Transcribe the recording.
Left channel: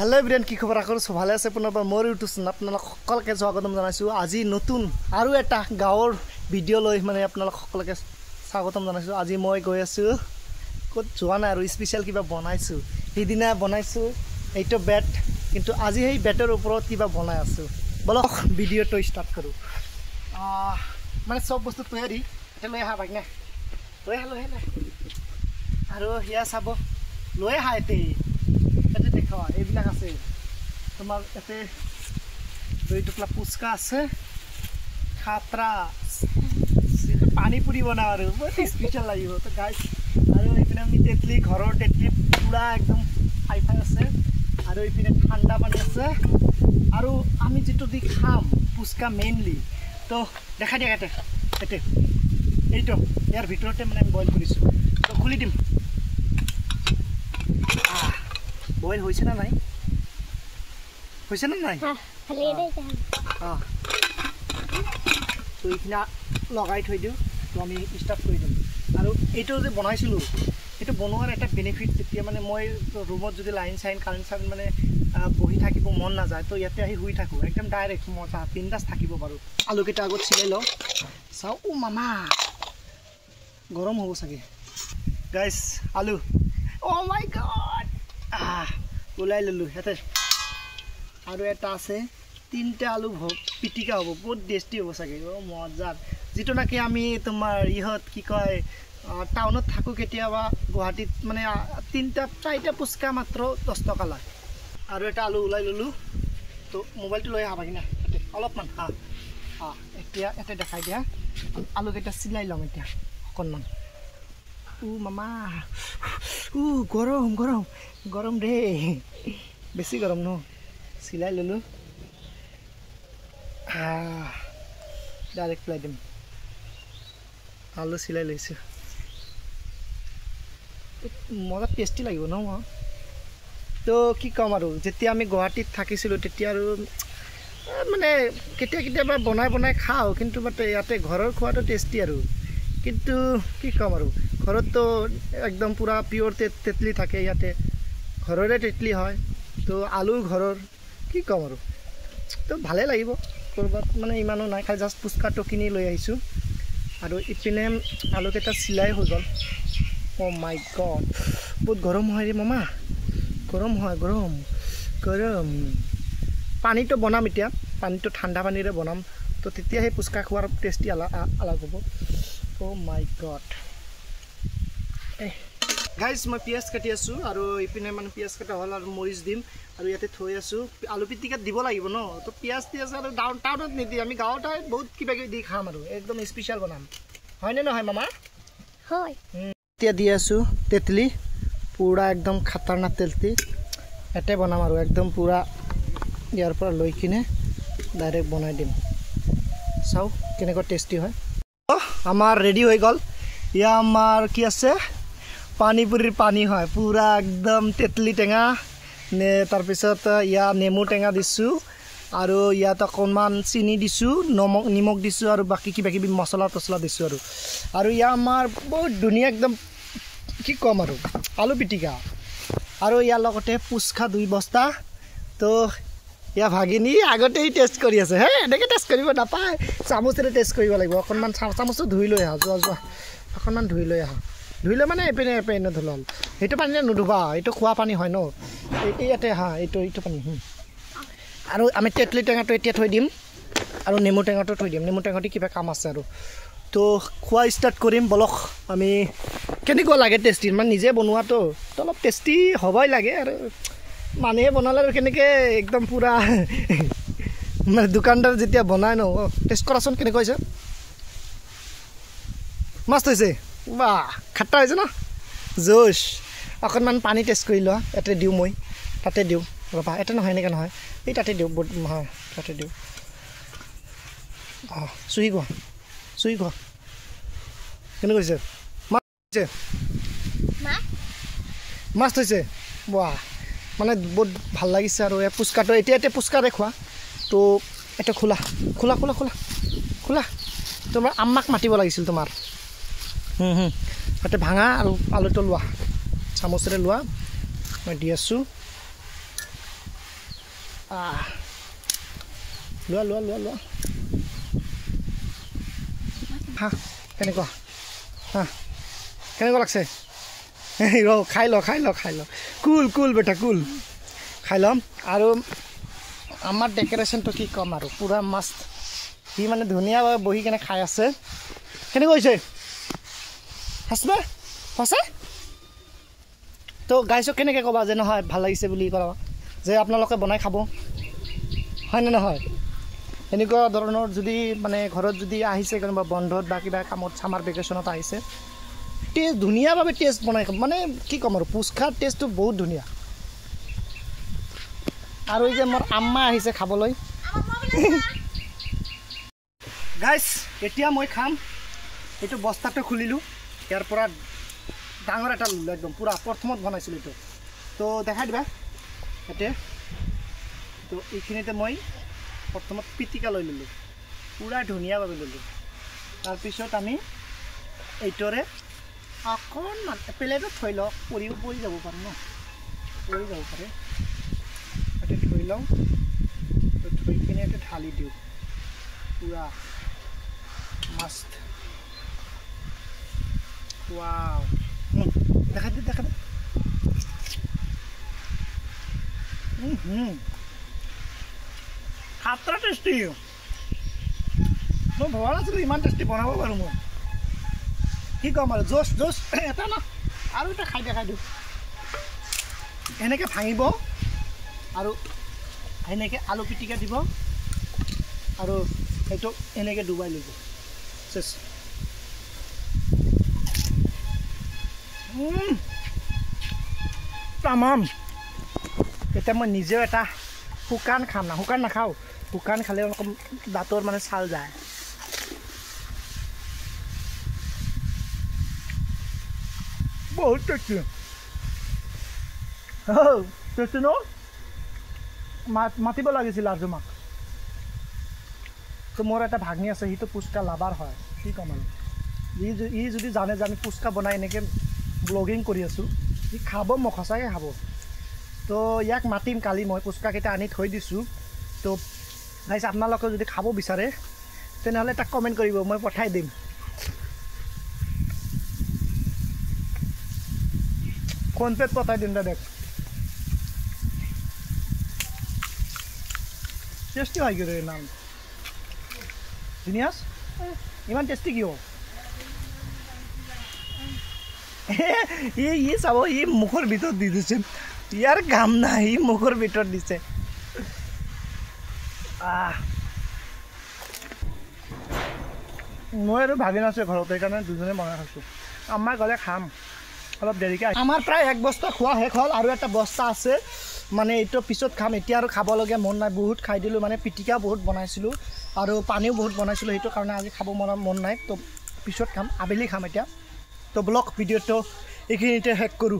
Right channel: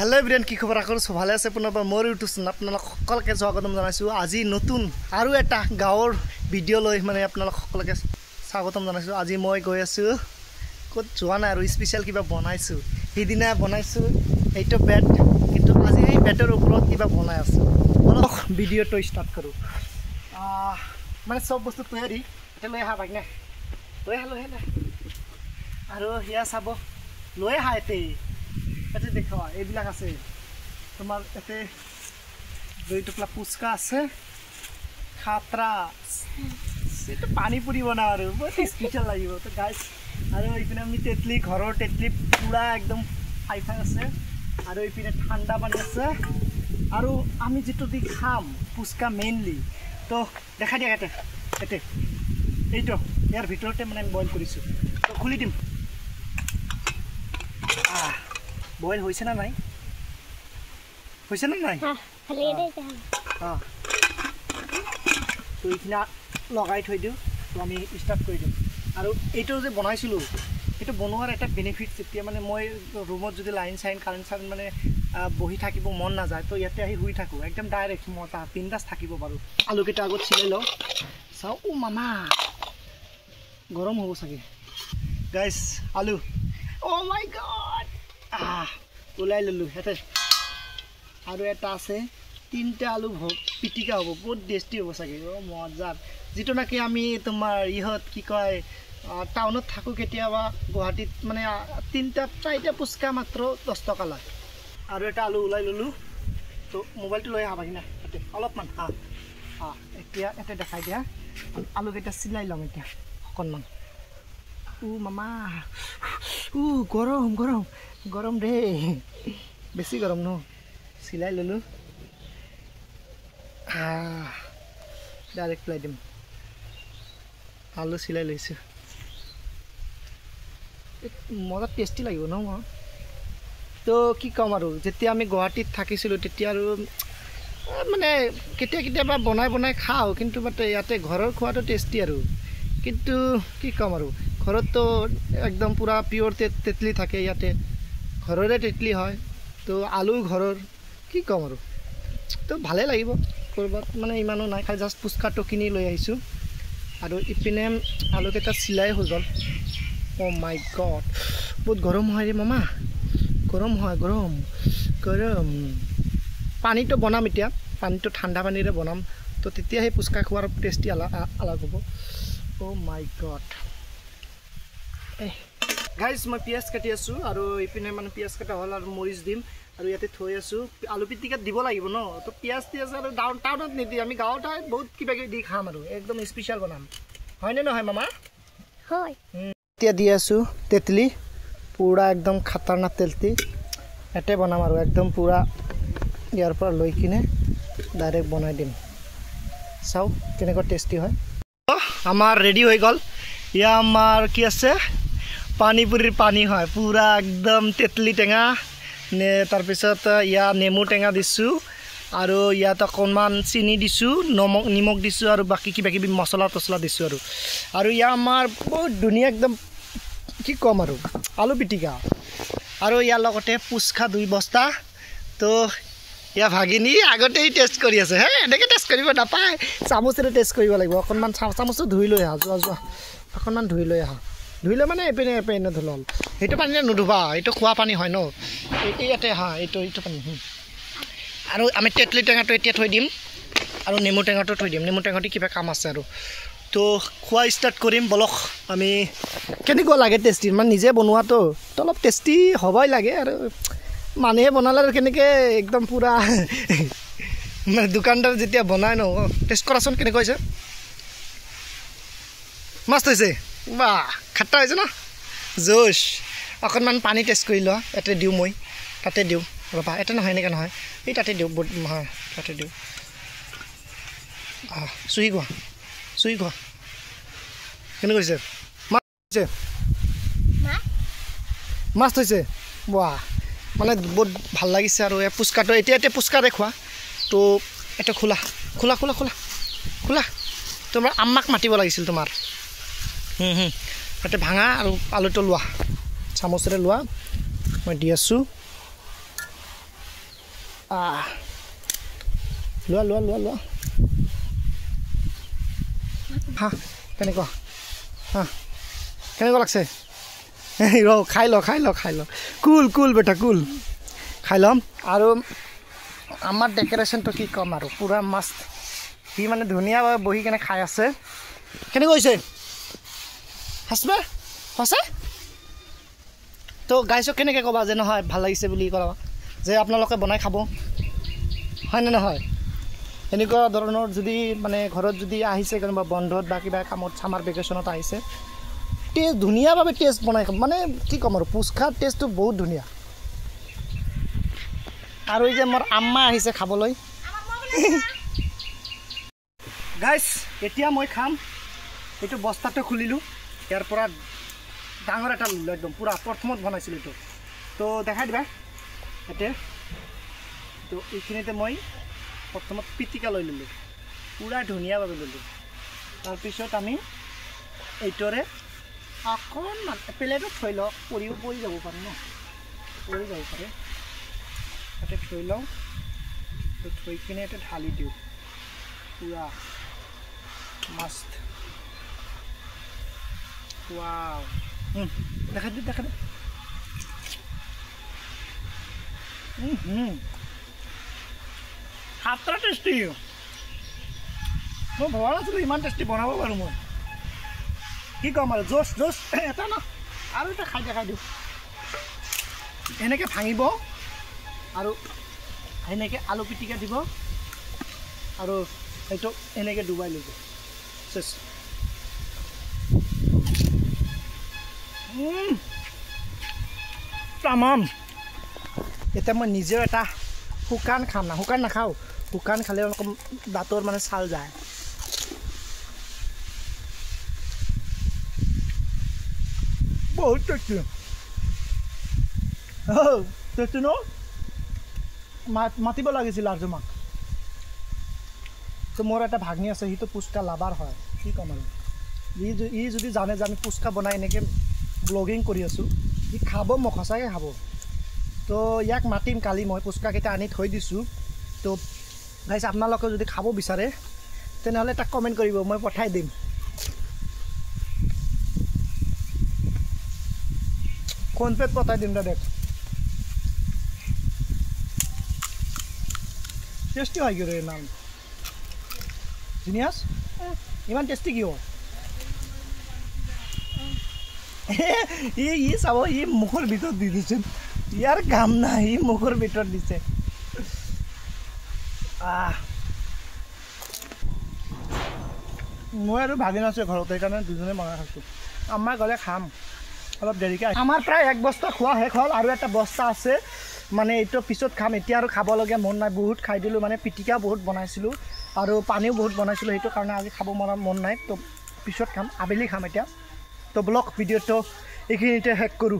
hello everyone কি খবৰ আকৰ সব ভালে আছে পুনৰবাৰ মোৰ ইউটিউব চেনেল আপোনালোক সকলকে স্বাগতম জনাইছো আজি নতুন আৰু এটা গাঁৱৰ ভিডিঅ' লৈ মানে আপোনালোক সকলকে স্বাগতম জনাইছো আজি মই গৈ আছো কত যোৱা নাই আৰু স্পেশাল কিবা বনাইছো সেইদিনা বনাইছো এইটো বেড কিন্তু আজি এই বেডৰ ওপৰত কিবা বনাই আছো বলক ভিডিঅ'টো ষ্টাৰ্ট কৰো মানে সব বস্তু তৈয়াৰী এটা লৈ আহা ভাগনা লৈ আহা আৰু হিয়া চাব লৈ আহা এতে देखो এইবিলাক আছে তোমার এতে দুই টুকলা পুচকা আছে খাতরা সেটা পানি পুরি বনা আর বহুত স্পেশাল লাগিব তো গাইস আর এইপিনে আমি তেতলি ঘৰৰ তেতলি পুরা একদম ফাই আছে আর এইপিনে ঠান্ডা পানি আছে আর আমি যেটো দি খাম পুচকা মেইনলি তো দেখা দিয়া এতে এইটো ইয়াৰ ভিতৰতে মানে আমি বইল কৰিছো তো খুলি দিম বইল হইছে না নাই হইছে না নাই খালি দে তো ইখনা লগাই থৈ দিও তো আমি স্টার্ট কৰি দিম আৰু এইটো যে বনাইছিলো এটো বনোৱাৰ এটা বেনিফিট যেতিয়া মানে মই ৰুমত যদি লাইন সাইন কারেন্ট সাইন মানে বহি থাকিব মন না যায় তো ইয়াতে আহি হুই থাকো একদম ডাইৰেক্ট মজা পিন্দাস থাকিব পাৰো আলু কেটা আগত ছিলাই লও চাও ও মামা গৰম হ'ব সাগে গাইস আলু ও মাই গড ওলাই ললু হেতে আৰু এটা আছে তিনটা আলু পিটিকা হ'ব বহুত টেস্টি হ'ব সাগে ও মজা যেটো নাকি আমি তোমাৰ ইহত কি কয় টাউনত থাকো কেতিয়াবা গুৱাহাটীত মানে তিনটা চাইটা পুচকা মাত্ৰ 10 টকা লয় আৰু এটা আলু ওলাই ললু তো মোবাইলটো লৈ আহা কিনা হেতে অলপমান এতিয়া এতে দেখাই দিয়া আলু কেটা সিলাই লম এতিয়া অকনমান ও মামা ও গৰম গৰম গৰম রে বেশি গরম ন সিলাই ললু ডাইরেক্ট লাই দিম আলু সিলাই লইছো মজা টেস্টি লাগিব ন তো কি কম আৰু যেতিয়া আমি গুৱাহাটীত থাকিছিলো তেতিয়া আৰু মানে কেতিয়াবা বনাই খাও কিন্তু বাট ইয়াতে ঘৰৰ খোৱাটো টেস্টি আৰু কিন্তু কি কম আৰু ঘৰত তো একদম পুৰা পিওৰ তেতলি থাকে ইয়াতে ঘৰৰে তেতলি হয় তো আলু ঘৰৰ কি কম আৰু তো ভালে লাগিব কৰবাত মানে ইমানো নাই খাই জাস্ট পুচকাটো কিনি লৈ আহিছো আৰু ইপিনে আলু কেটা সিলাই হৈ গল ও মাই গড বহুত গৰম হয় ৰে মামা গৰম হয় গৰম পানীটো বনাম এতিয়া পানীটো ঠাণ্ডা পানীৰে বনাম তো তেতিয়া সেই পুচকা খোৱাৰ টেস্টি আলাগ হ'ব ও মাই গড গাইস মই পিয়াজ কাটি আছো আৰু ইপিনে মানে পিয়াজ কাটা হল আৰু মৰিচ দিম আৰু ইয়াতে থৈ আছো আলু পিটিকাত দিব লাগিব ন তো পিয়াজ তিয়াজ আৰু টাউনত নিদি আমি গাঁৱত বহুত কিবা কিবি দি খাম আৰু একদম স্পেশাল বনাম হয় নে নহয় মামা হয় এতিয়া দি আছো তেতলি পুৰা একদম খতৰনাক তেতলি এতে বনাম আৰু একদম পুৰা ইয়াৰ পৰা লৈ কিনে ডাইৰেক্ট বনাই দিম চাও কেনেকৈ টেস্টি হয় আমাৰ ৰেডি হৈ গল ইয়া আমাৰ কি আছে পানীপুরির পানী হয় পুরা একদম তেতলি টেঙা নে তার পিছত ইয়া নেমু টেঙা দিছো আৰু ইয়াত অকণমান চিনি দিছো নিমখ দিছো আৰু বাকি কিবা কিবি মছলা তছলা দিছো আৰু ইয়া আমাৰ বহুত ধুনীয়া একদম কি কম আৰু আলু পিটিকা আৰু ইয়াৰ লগতে পুচকা 2 বস্তা তো ইয়া ভাগিনী আগতেই টেষ্ট কৰি আছে হে এনেকে টেষ্ট কৰিব নাপায় চামুচেৰে টেষ্ট কৰিব লাগিব অকণমান চামুচটো ধুই লৈ আহা যোৱা অকণমান ধুই লৈ আহা ধুইলে মানে এপিনে ধুলল সেইটো পানীৰে নুধুবা এইটো খোৱা পানী হয় ন ইয়াতে এইটো পানী আৰু আমি তেতলি টেঙাটো এতিয়া থৈ দিম আৰু নেমু টেঙাটো থৈ দিম নেমু টেঙাটো কিবা কাম আছে আৰু তো খোৱা ষ্টাৰ্ট কৰিম বলক আমি কেনেকুৱা লাগে টেষ্টি মানে নিজে বনোৱাটো তো অলপ টেষ্টি হ'বই লাগে আৰু মানুহে বনালে আৰু কেনেকৈ একদম পুৰা মানে দোকানদাৰ যেতিয়া বনাই ন টেষ্ট কৰাচোন কেনেকুৱা হৈছে মস্ত হৈছে বাহ খাট্টা হৈছে ন জোশ অকণমান পানী টেষ্ট কৰি লোৱা এতে দিওঁ মই তাতে দিওঁ ৰবা এটা নহয় এনেকৈ নহয় এই তাতে দিওঁ হয় তাতে দিওঁ চুই খোৱা কেনেকৈ হৈছে মাছ হৈছে বাহ মানে বহুত ভাল লাগিছে আৰু এই পুচকাটো এতিয়া পুচকাৰে খোৱা তো এটা খোলা তোমাৰ আম্মাক মাতিব লাগিছিল তোমাৰ তাতে ভাঙা আৰু আলুটো লোৱা চামুচেৰে লোৱা মই দি আছো লোৱা লোৱা লোৱা লোৱা হা কেনেকুৱা হা কেনেকুৱা লাগছে ৰ খাই ল খাই ল খাই ল কুল কুল বেটা কুল খাই ল'ম আৰু আমাৰ ডেকৰেশ্যনটো কি ক'ম আৰু পূৰা মাষ্ট সি মানে ধুনীয়াভাৱে বহি কেনে খাই আছে কেনেকুৱা হৈছে হাসবা সঁচা তো গাইছক কেনেকৈ ক'বা যে নহয় ভাল লাগিছে বুলি ক'বা যে আপোনালোকে বনাই খাব হয়নে নহয় এনেকুৱা ধৰণৰ যদি মানে ঘৰত যদি আহিছে কোনোবা বন্ধত বা কিবা কামত ছামাৰ ভেকেশ্যনত আহিছে টেষ্ট ধুনীয়াভাৱে টেষ্ট বনাই খাব মানে কি ক'ম আৰু পুচকাৰ টেষ্টটো বহুত ধুনীয়া আৰু এই যে মোৰ আম্মা আহিছে খাবলৈ গাইছ এতিয়া মই খাম এইটো বস্তাটো খুলিলোঁ ইয়াৰ পৰা ডাঙৰ এটা ল'লোঁ একদম পূৰা প্ৰথমত বনাইছিলোঁ এইটো তো দেখাই দিবা এতিয়া তো এইখিনিতে মই প্ৰথমত পিটিকা লৈ ল'লোঁ পূৰা ধুনীয়াভাৱে ল'লোঁ তাৰপিছত আমি এইটোৰে অকণমান প্লেটত থৈ লওঁ পৰি যাব পাৰে ন পৰি যাব পাৰে ইয়াতে থৈ লওঁ তো থৈ কিনে ইয়াতে ঢালি দিওঁ পূৰা মাষ্ট ৱাও দেখা দে খাতৰা টেষ্টি মই ভবা নাছিলোঁ ইমান টেষ্টি বনাব পাৰোঁ মই কি ক'ম আৰু জোচ এটা ন আৰু এটা খাই দিওঁ এনেকৈ ভাঙিব আৰু এনেকৈ আলু পিটিকা দিব আৰু সেইটো এনেকৈ ডুবাই ল'ব চেচ তামাম এতিয়া মই নিজেও এটা শুকান খাম না শুকান নাখাওঁ শুকান খালে অলপ দাঁতৰ মানে ছাল যায় বহুত টেষ্টি টেষ্টি ন মাতিব লাগিছিল আৰু তোমাক তো মোৰ এটা ভাগনি আছে সিটো পুচকা লাভাৰ হয় কি ক'ম আৰু ই যদি জানে যে আমি পুচকা বনাই এনেকৈ ব্লগিং কৰি আছোঁ ই খাব মোক সঁচাকৈ খাব তো ইয়াক মাতিম কালি মই পুচকাকেইটা আনি থৈ দিছোঁ তো গাইছ আপোনালোকে যদি খাব বিচাৰে তেনেহ'লে তাক কমেণ্ট কৰিব মই পঠাই দিম ফোনপে'ত পঠাই দিম দাদা টেষ্টি হয় কি নাম জিনিয়াছ ইমান টেষ্টি কিয় ই চাব ই মুখৰ ভিতৰত দি দিছে ইয়াৰ কাম নাই ই মুখৰ ভিতৰত দিছে মই আৰু ভাগি নাছোঁ ঘৰত সেইকাৰণে দুজনে বনাই খাইছোঁ আমাৰ গ'লে খাম অলপ দেৰিকৈ আমাৰ প্ৰায় এক বস্তা খোৱা শেষ হ'ল আৰু এটা বস্তা আছে মানে এইটো পিছত খাম এতিয়া আৰু খাবলগীয়া মন নাই বহুত খাই দিলোঁ মানে পিটিকা বহুত বনাইছিলোঁ আৰু পানীও বহুত বনাইছিলোঁ সেইটো কাৰণে আজি খাব মন নাই তো পিছত খাম আবেলি খাম এতিয়া তো ব্লগ ভিডিঅ'টো এইখিনিতে শেষ কৰোঁ